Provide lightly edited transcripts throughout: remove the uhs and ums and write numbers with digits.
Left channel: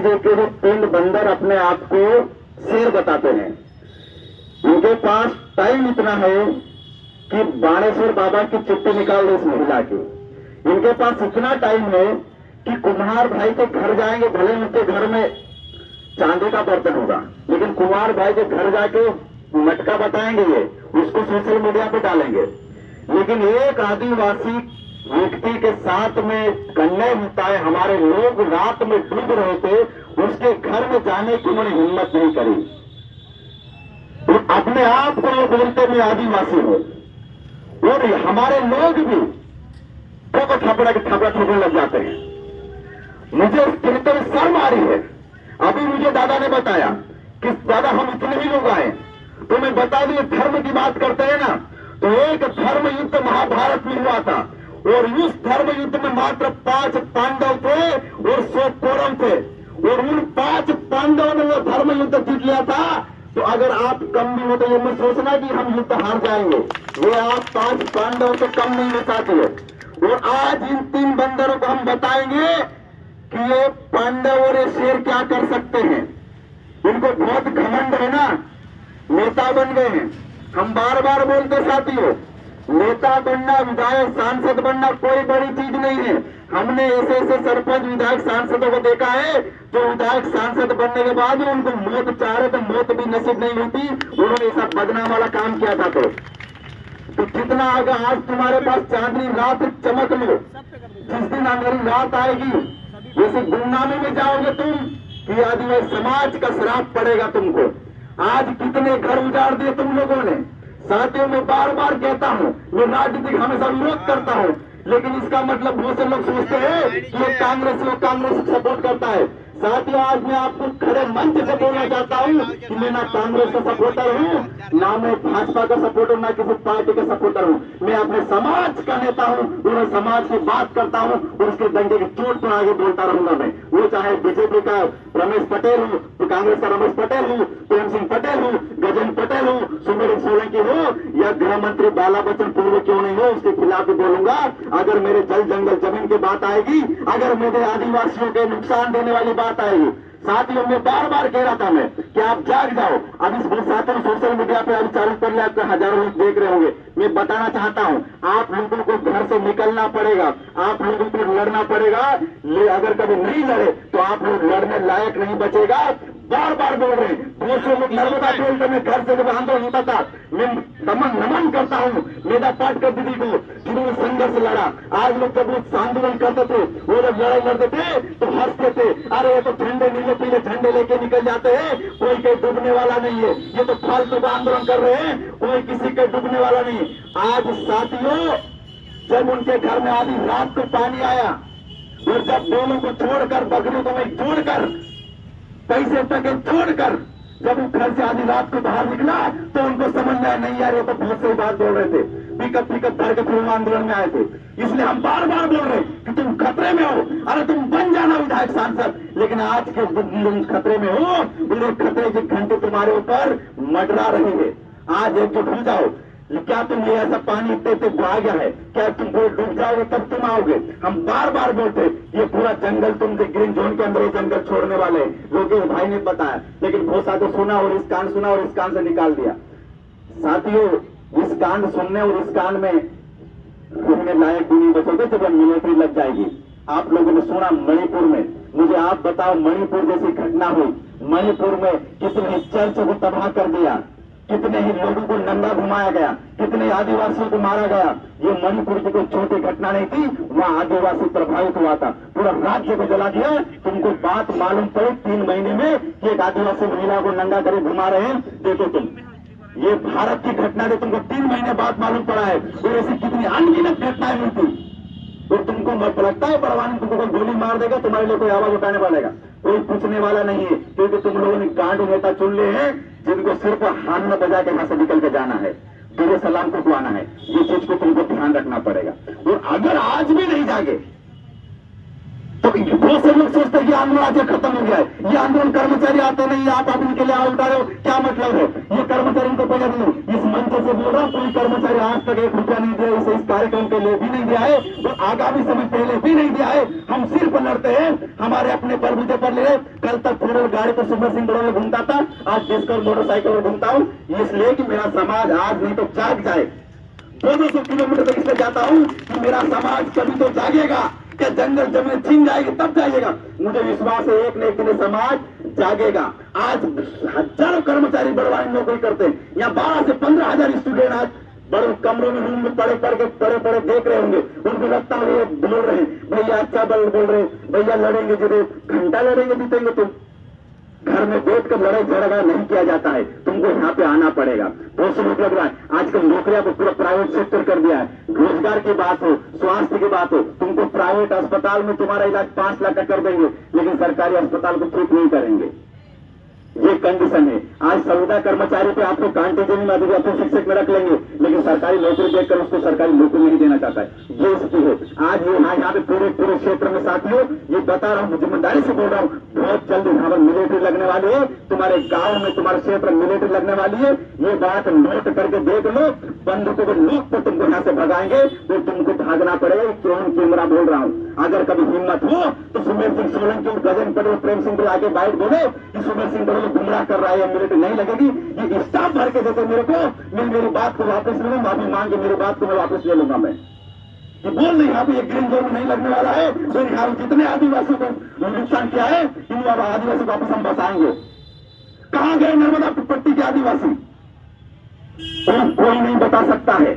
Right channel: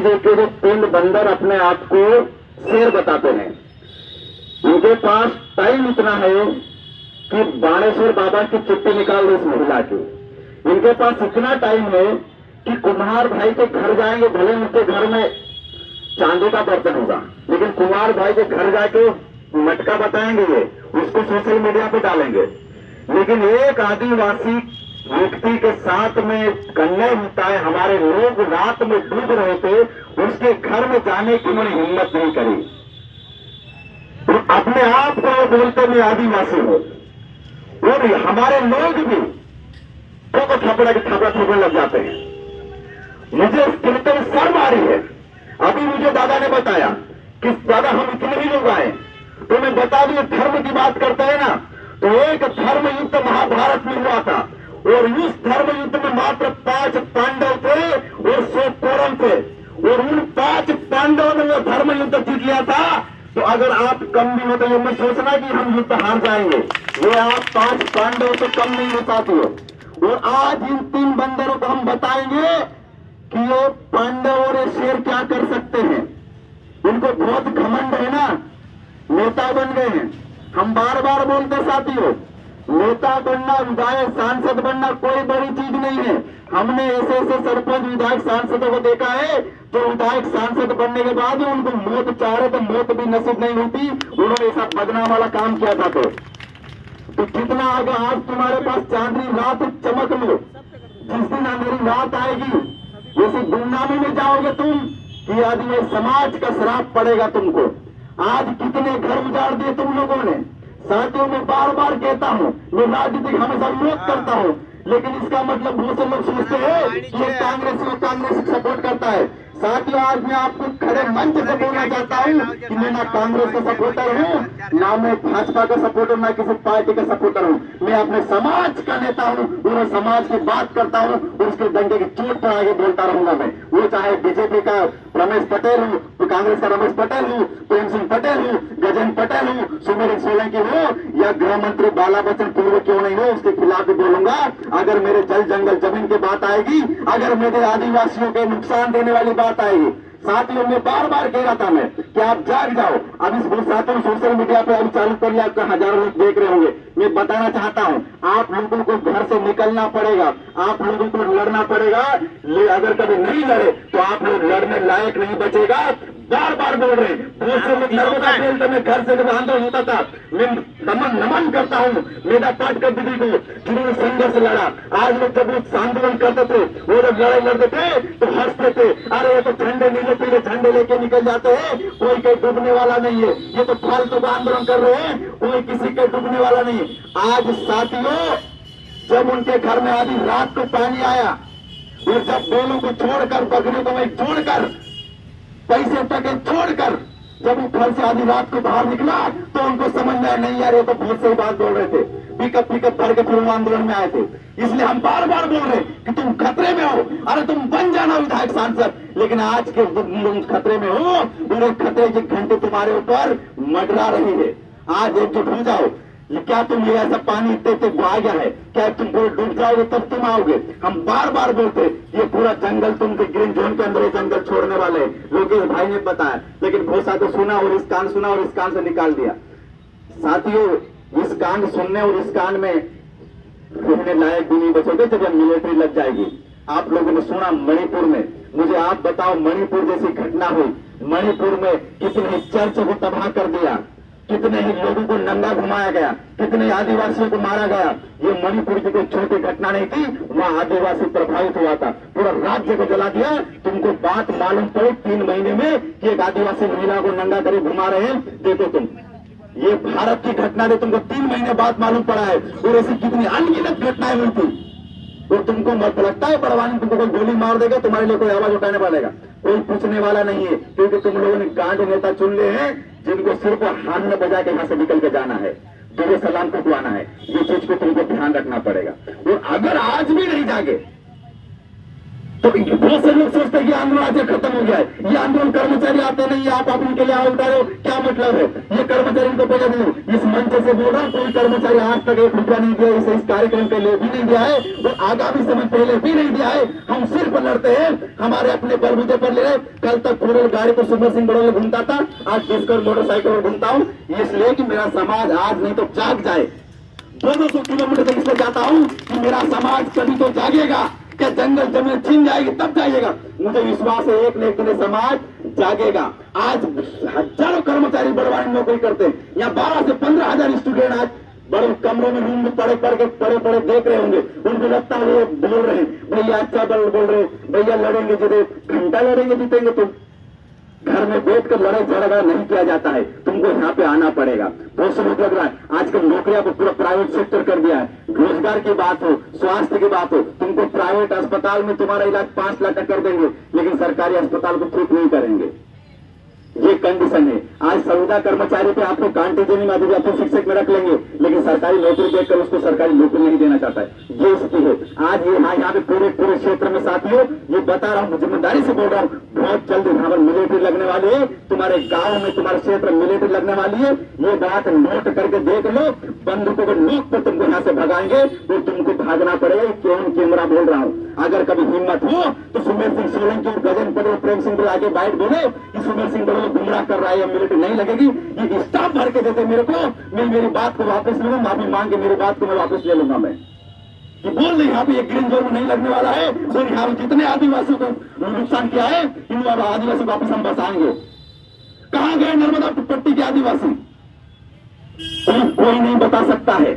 लीजिए कि जो 3 बंदर अपने आप को शेर बताते हैं, इनके पास टाइम इतना है कि बाणेश्वर बाबा की चिट्ठी निकाल दो इस महिला की। इनके पास इतना टाइम है कि कुम्हार भाई के घर जाएंगे, भले उनके घर में चांदी का बर्तन होगा, लेकिन कुम्हार भाई के घर जाके मटका बताएंगे, ये उसको सोशल मीडिया पे डालेंगे। लेकिन एक आदिवासी व्यक्ति के साथ में कन्या होता है, हमारे लोग रात में डूब रहे थे, उसके घर में जाने की उन्होंने हिम्मत नहीं करी। तो अपने आप को बोलते मैं आदिवासी हूं, और हमारे लोग भी तो थपड़ा लग जाते हैं। मुझे सुनते हुए शर्म आ रही है। अभी मुझे दादा ने बताया कि दादा हम इतने ही लोग आए, तो मैं बता दूं धर्म की बात करते हैं ना, तो एक धर्म युद्ध महाभारत में हुआ था, और उस धर्म युद्ध में मात्र 5 पांडव थे और 100 कौरव थे, और उन 5 पांडवों ने वो धर्म युद्ध जीत लिया था। तो अगर आप कम भी हो तो ये मत सोचना कि हम युद्ध हार जाएंगे, ये आप 5 पांडव तो कम नहीं हो पाती हो। और आज इन 3 बंदरों को हम बताएंगे कि ये पांडव और ये शेर क्या कर सकते हैं। इनको बहुत घमंड है ना, नेता बन गए हैं। हम बार बार बोलते साथियों, नेता बनना, विधायक सांसद बनना कोई बड़ी चीज नहीं है। हमने ऐसे ऐसे सरपंच विधायक सांसदों को देखा है जो विधायक सांसद बनने के बाद उनको मौत चाह रहे थे, मौत भी नसीब नहीं होती, उन्होंने ऐसा बदनाम वाला काम किया था। तो कितना आगे आज तुम्हारे पास चांदनी रात चमक लो, जिस दिन अंधेरी रात आएगी जैसे गुमनामी में जाओगे तुम कि आदिवासी समाज का श्राप पड़ेगा तुमको। आज कितने घर उजाड़ दिए तुम लोगों ने। साथियों मैं बार बार कहता हूँ, मैं राजनीतिक हमेशा विरोध करता हूँ, लेकिन इसका मतलब बहुत से लोग सोचते हैं कि ये कांग्रेस सपोर्ट करता है। साथियों आज मैं आपको खड़े मंच से बोलना चाहता हूँ कि मैं ना कांग्रेस का सपोर्टर हूँ, ना मैं भाजपा का सपोर्टर, ना किसी पार्टी का सपोर्टर हूँ। मैं अपने समाज का नेता हूँ, मैं समाज की बात करता हूँ और उसके दंगे की चोट पर आगे बोलता रहूंगा मैं। वो चाहे बीजेपी का रमेश पटेल हो, तो कांग्रेस का रमेश पटेल हो, प्रेम सिंह पटेल हो, गजेंद्र पटेल हो, सुमेर सोलंकी हो, या गृह मंत्री बाला बच्चन पूर्व क्यों नहीं हो, उसके खिलाफ भी बोलूंगा। अगर मेरे जल जंगल जमीन की बात आएगी, अगर मेरे आदिवासियों के नुकसान देने वाली बात आएगी, साथियों में बार बार कह रहा था मैं कि आप जाग जाओ। अब इस साथियों सोशल मीडिया पे अभी चालू कर लिया, आपको हजारों लोग देख रहे होंगे। मैं बताना चाहता हूं आप लोगों को घर से निकलना पड़ेगा, आप लोगों को लड़ना पड़ेगा। अगर कभी नहीं लड़े तो आप लोग लड़ने लायक नहीं बचेगा। बार बार बोल रहे हैं, बहुत से लोग नर्मदा खेलते में घर से जब आंदोलन होता था, मैं नमन करता हूँ मेधा पाटकर दीदी को, जिन्होंने संघर्ष लड़ा। आज लोग जब वो आंदोलन करते थे, वो जब लड़ाई लड़ते थे तो हंसते थे, अरे ये तो झंडे नीले पीले झंडे लेके निकल जाते हैं, कोई कहीं डूबने वाला नहीं है, ये तो फालतू का आंदोलन कर रहे हैं, कोई किसी के डूबने वाला नहीं है। आज साथियों जब उनके घर में आधी रात को पानी आया, और जब बैलों को छोड़कर, बकरियों को वहीं छोड़कर, पैसे टके छोड़कर जब वो घर से आधी रात को बाहर निकला, तो उनको समझ में आया नहीं यार ये तो बहुत सही बात बोल रहे थे। पिकअप भर के फिर आंदोलन में आए थे। इसलिए हम बार बार बोल रहे कि तुम खतरे में हो, अरे तुम बन जाना विधायक सांसद। लेकिन आज के तुम खतरे में हो, उन्हें खतरे की घंटे तुम्हारे ऊपर मंडरा रही है। आज एकजुट हो जाओ। क्या तुम ये ऐसा पानी इतने आ गया है, क्या तुम पूरे डूब जाओगे तब तुम आओगे? हम बार बार बोलते ये पूरा जंगल तुम ग्रीन जोन के अंदर ये जंगल छोड़ने वाले लोकेश भाई ने बताया, लेकिन बहुत सारे सुना और इस कान सुना और इस कान से निकाल दिया। साथियों इस कान सुनने और इस कान में रहने लायक भी नहीं बचोगे जब मिलिट्री लग जाएगी। आप लोगों ने सुना मणिपुर में, मुझे आप बताओ मणिपुर जैसी घटना हुई, मणिपुर में कितने चर्च को तबाह कर दिया, कितने ही लोगों को नंगा घुमाया गया, कितने आदिवासियों को मारा गया। ये मणिपुर की कोई छोटी घटना नहीं थी, वहां आदिवासी प्रभावित हुआ था, पूरा राज्य को जला दिया। तुमको बात मालूम पड़ी 3 महीने में कि एक आदिवासी महिला को नंगा करे घुमा रहे हैं। देखो तुम, ये भारत की घटना ने तुमको 3 महीने बाद मालूम पड़ा है, और ऐसी कितनी अनगिनत घटनाएं हुई थी। और तुमको मत लगता है बड़वानी तुमको कोई गोली मार देगा, तुम्हारे लिए कोई आवाज उठाने वालेगा, कोई पूछने वाला नहीं है, क्योंकि तुम लोगों ने गांड नेता चुन लिए हैं जिनको सिर्फ हाथ में बजा के यहां से निकल के जाना है, दुआ सलाम को दुआना है। ये चीज को तुमको ध्यान रखना पड़ेगा। और अगर आज भी नहीं जागे तो बहुत से लोग सोचते हैं कि आंदोलन आज खत्म हो गया है, ये आंदोलन कर्मचारी आते नहीं, आप इनके लिए आवाज उठा रहे हो, क्या मतलब है? ये कर्मचारी इनको पैसा नहीं, इस मंच से बोल रहा हूँ, कोई कर्मचारी आज तक 1 रुपया नहीं दिया, इस कार्यक्रम के लिए भी नहीं दिया है और आगामी समय पहले भी नहीं दिया है। हम सिर्फ लड़ते हैं, हमारे अपने बलबूते पर ले रहे। कल तक फोर गाड़ी को सुपर सिंह बड़ों में घूमता था, आज डिस्कवर मोटरसाइकिल में घूमता हूँ, इसलिए कि मेरा समाज आज नहीं तो जाग जाए। 200 किलोमीटर तक इसलिए जाता हूँ कि मेरा समाज कभी तो जागेगा। क्या जंगल जमीन छीन जाएगी तब जाइएगा? मुझे विश्वास है एक न एक दिन समाज जागेगा। आज हजारों कर्मचारी बड़वानी नौकरी करते हैं, यहाँ 12 से 15,000 स्टूडेंट आज बड़े कमरों में रूम में पड़े देख रहे होंगे। उनको लगता है ये बोल रहे हैं भैया अच्छा बोल रहे, भैया लड़ेंगे जीते, घंटा लड़ेंगे जीतेंगे। तुम घर में बैठकर लड़ाई झगड़ा नहीं किया जाता है, तुमको यहाँ पे आना पड़ेगा। बहुत से लोग लग रहा है आजकल नौकरियां को पूरा प्राइवेट सेक्टर कर दिया है। रोजगार की बात हो, स्वास्थ्य की बात हो, तुमको प्राइवेट अस्पताल में तुम्हारा इलाज 5 लाख का कर देंगे, लेकिन सरकारी अस्पताल को ठीक नहीं करेंगे। ये कंडीशन है। आज संविदा कर्मचारी पे आपको कांटीजनी में अधिव्यापन शिक्षक में रख लेंगे, लेकिन सरकारी नौकरी देखकर उसको सरकारी नौकरी नहीं देना चाहता है। ये स्थिति है आज। ये यहाँ पे पूरे क्षेत्र में साथियों, ये बता रहा हूँ, जिम्मेदारी से बोल रहा हूँ, बहुत जल्द यहाँ पर मिलिट्री लगने वाली है। तुम्हारे गाँव में, तुम्हारे क्षेत्र में मिलिट्री लगने वाली है। ये बात नोट करके देख लो। बंदूकों को नोक पर तुमको यहाँ से भगाएंगे तो तुमको भागना पड़ेगा। क्यों कैमरा बोल रहा हूँ, अगर कभी हिम्मत हो तो सुमेर सिंह सोलंकी और गजेंद्र पटेल, प्रेम सिंह आगे बाइट बोले कि सुमेर सिंह पटेल गुमराह कर रहा है, मिलिट्री नहीं लगेगी। ये स्टाफ भर के देते मेरे को, मैं मेरी बात को वापस लूंगा, माफी मांग के मेरी बात को मैं वापस ले लूंगा। मैं ये बोल रही यहाँ पे ये ग्रीन जोन में नहीं लगने वाला है और यहाँ जितने आदिवासियों को नुकसान किया है इन आदिवासियों को वापस हम बसाएंगे। कहां गए नर्मदा पट्टी के आदिवासी? कोई नहीं बता सकता है।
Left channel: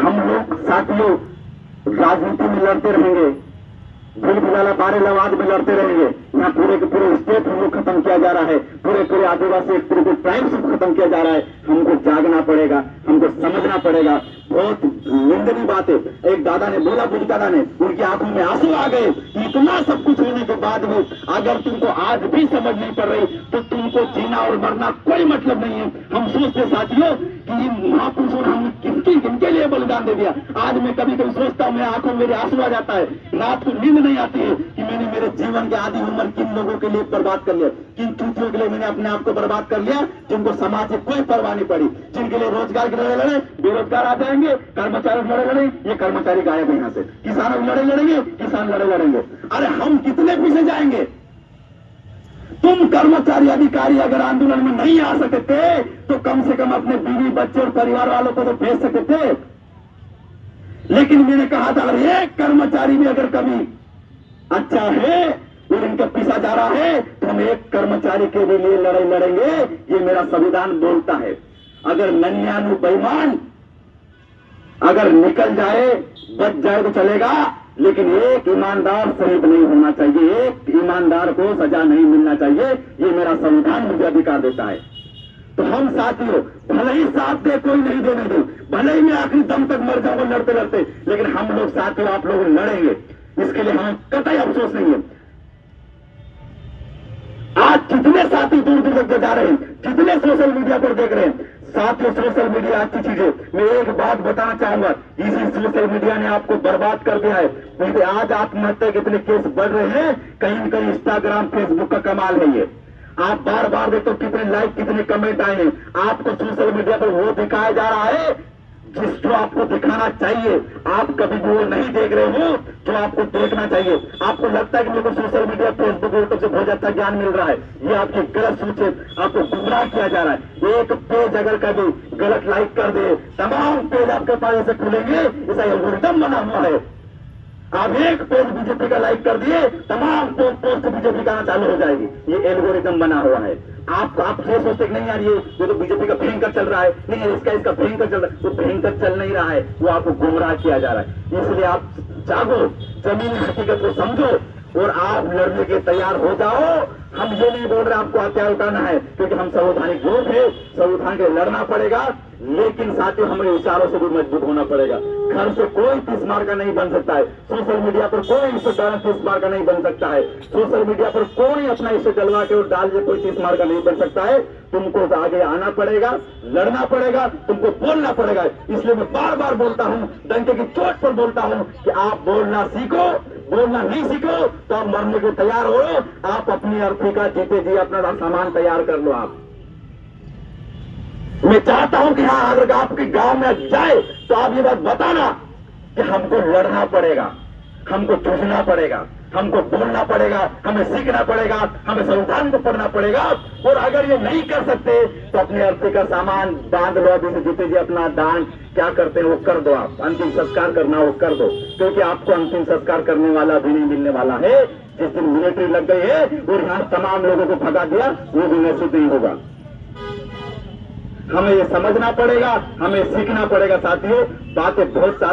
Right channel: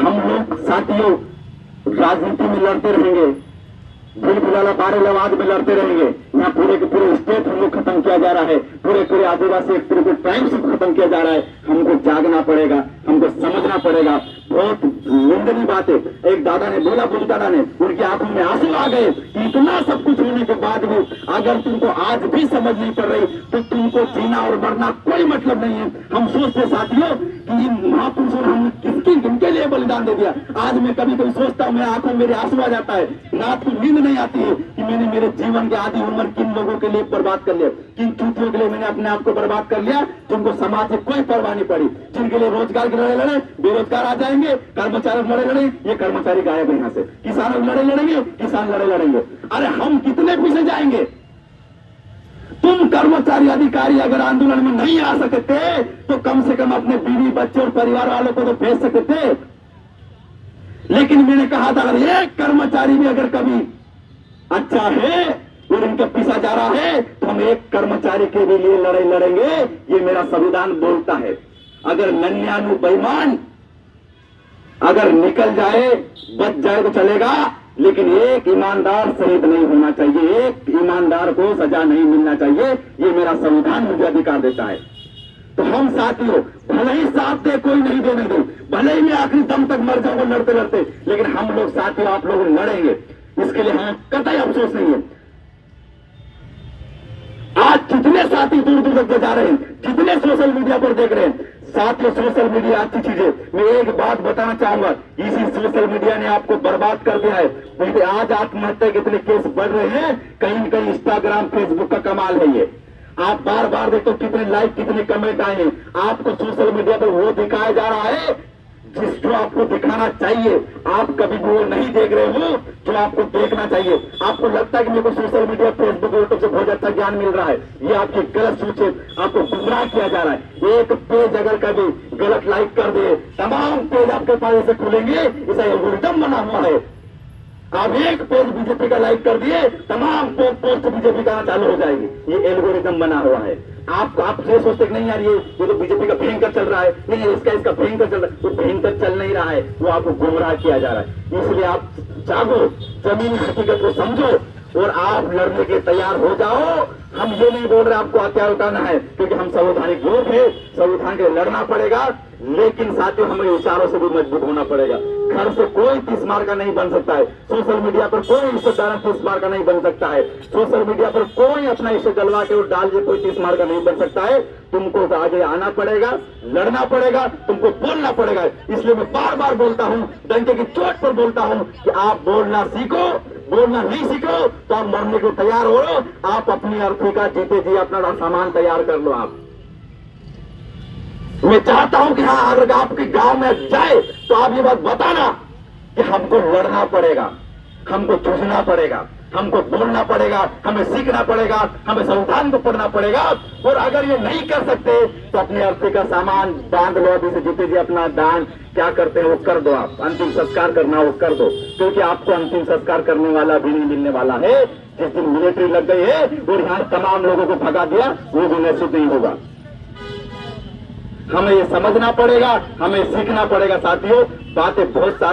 हम लोग साथियों राजनीति में लड़ते रहेंगे, भील भिलाला बारेलाबाद में लड़ते रहेंगे। यहाँ पूरे के पूरे स्टेट हम लोग खत्म किया जा रहा है, पूरे आदिवासी पूरे ट्राइब्स को खत्म किया जा रहा है। हमको जागना पड़ेगा, हमको समझना पड़ेगा। बहुत निंदनीय बात है। एक दादा ने बोला, बुद्ध दादा ने, उनकी आंखों में आंसू आ गए। इतना सब कुछ होने के बाद भी अगर तुमको आज भी समझ नहीं पड़ रही तो तुमको जीना और मरना कोई मतलब नहीं है। हम सोचते साथियों कि इन महापुरुषों ने हम किनके लिए बलिदान दे दिया। आज मैं कभी कभी सोचता हूँ, मेरी आंखों में मेरे आंसू आ जाता है। रात को नींद नहीं आती है कि मैंने मेरे जीवन की आधी उम्र किन लोगों के लिए बर्बाद कर लिया, किन चूतियों के लिए मैंने अपने आप को बर्बाद कर लिया, जिनको समाज से कोई परवाह नहीं पड़ी, जिनके लिए रोजगार की लड़ाई लड़े बेरोजगार आ जाएंगे, कर्मचारी लड़े ये कर्मचारी गायब है यहाँ से, किसानों की लड़ाई लड़ेंगे किसान लड़ेंगे। अरे हम कितने पीछे जाएंगे? तुम कर्मचारी अधिकारी अगर आंदोलन में नहीं आ सकते थे तो कम से कम अपने बीवी बच्चे और परिवार वालों को तो भेज सकते थे। लेकिन मैंने कहा था अगर एक कर्मचारी भी अगर कभी अच्छा है और इनका पीछा जा रहा है तो हम एक कर्मचारी के भी लिए लड़ाई लड़ेंगे। ये मेरा संविधान बोलता है। अगर नन्यानु बेईमान अगर निकल जाए, बच जाए तो चलेगा, लेकिन एक ईमानदार शहीद नहीं होना चाहिए, एक ईमानदार को सजा नहीं मिलना चाहिए। ये मेरा संविधान मुझे अधिकार देता है। तो हम साथियों भले ही साथ दे, कोई नहीं देने दे, भले ही मैं आखिरी दम तक मर जाऊंगा लड़ते लड़ते, लेकिन हम लोग साथियों आप लोग लड़ेंगे। इसके लिए हमें कतई अफसोस नहीं है। आज जितने साथी दूर दूर तक जा रहे हैं, जितने सोशल मीडिया पर देख रहे हैं, साथियों सोशल मीडिया अच्छी चीज है। मैं एक बात बताना चाहूंगा, इसी सोशल मीडिया ने आपको बर्बाद कर दिया है। आज आत्महत्या के इतने केस बढ़ रहे हैं, कहीं न कहीं इंस्टाग्राम फेसबुक का कमाल है। ये आप बार बार देखो कितने लाइक कितने कमेंट आए हैं। आपको सोशल मीडिया पर वो दिखाया जा रहा है जिसको आपको दिखाना चाहिए। आप कभी भी वो नहीं देख रहे हो जो आपको देखना चाहिए। आपको लगता है कि मेरे को सोशल मीडिया फेसबुक यूट्यूब से बहुत अच्छा ज्ञान मिल रहा है, ये आपकी गलत सोच है। आपको गुमराह किया जा रहा है। एक पेज अगर कभी गलत लाइक कर दे, तमाम पेज आपके पास ऐसे खुलेंगे, ऐसा एल्गोरिथम बना हुआ है। आप एक पेज बीजेपी का लाइक कर दिए, तमाम पोस्ट बीजेपी का चालू हो जाएगी। ये एल्गोरिथम बना हुआ है। आप ये सोचते नहीं यार ये तो बीजेपी का भयंकर चल रहा है, नहीं इसका भयंकर चल रहा है। वो भयंकर चल नहीं रहा है, वो आपको गुमराह किया जा रहा है। इसलिए आप जागो, जमीनी हकीकत को समझो और आप लड़ने के तैयार हो जाओ। हम ये नहीं बोल रहे आपको हथियार उठाना है, क्योंकि हम संवैधानिक लोग हैं, संविधान के लड़ना पड़ेगा। लेकिन साथियों हमें विचारों से भी मजबूत होना पड़ेगा। घर से कोई 30 मार का नहीं बन सकता है। सोशल मीडिया पर कोई इससे 30 मार का नहीं बन सकता है। सोशल मीडिया पर कोई अपना इसे जलवा के और डाल के कोई 30 मार का नहीं बन सकता है। तुमको आगे आना पड़ेगा, लड़ना पड़ेगा, तुमको बोलना पड़ेगा। इसलिए मैं बार बार बोलता हूं, डंके की चोट पर बोलता हूं कि आप बोलना सीखो, बोलना नहीं सीखो तो आप मरने को तैयार हो रहे हो। आप अपनी अर्थी का जीते जी अपना सामान तैयार कर लो। आप मैं चाहता हूं कि हाँ, अगर आपके गांव में जाए तो आप ये बात बताना कि हमको लड़ना पड़ेगा, हमको जूझना पड़ेगा, हमको बोलना पड़ेगा, हमें सीखना पड़ेगा, हमें संविधान को पढ़ना पड़ेगा। और अगर ये नहीं कर सकते तो अपने अर्थी का सामान बांध लो। अभी से जीते जी अपना दान क्या करते हैं वो कर दो। आप अंतिम संस्कार करना वो कर दो, क्योंकि आपको अंतिम संस्कार करने वाला भी नहीं मिलने वाला है। जिस दिन मिलिट्री लग गई है और यहाँ तमाम लोगों को भगा दिया, वो भी नसीब नहीं होगा। हमें ये समझना पड़ेगा, हमें सीखना पड़ेगा। साथियों, बातें बहुत सारी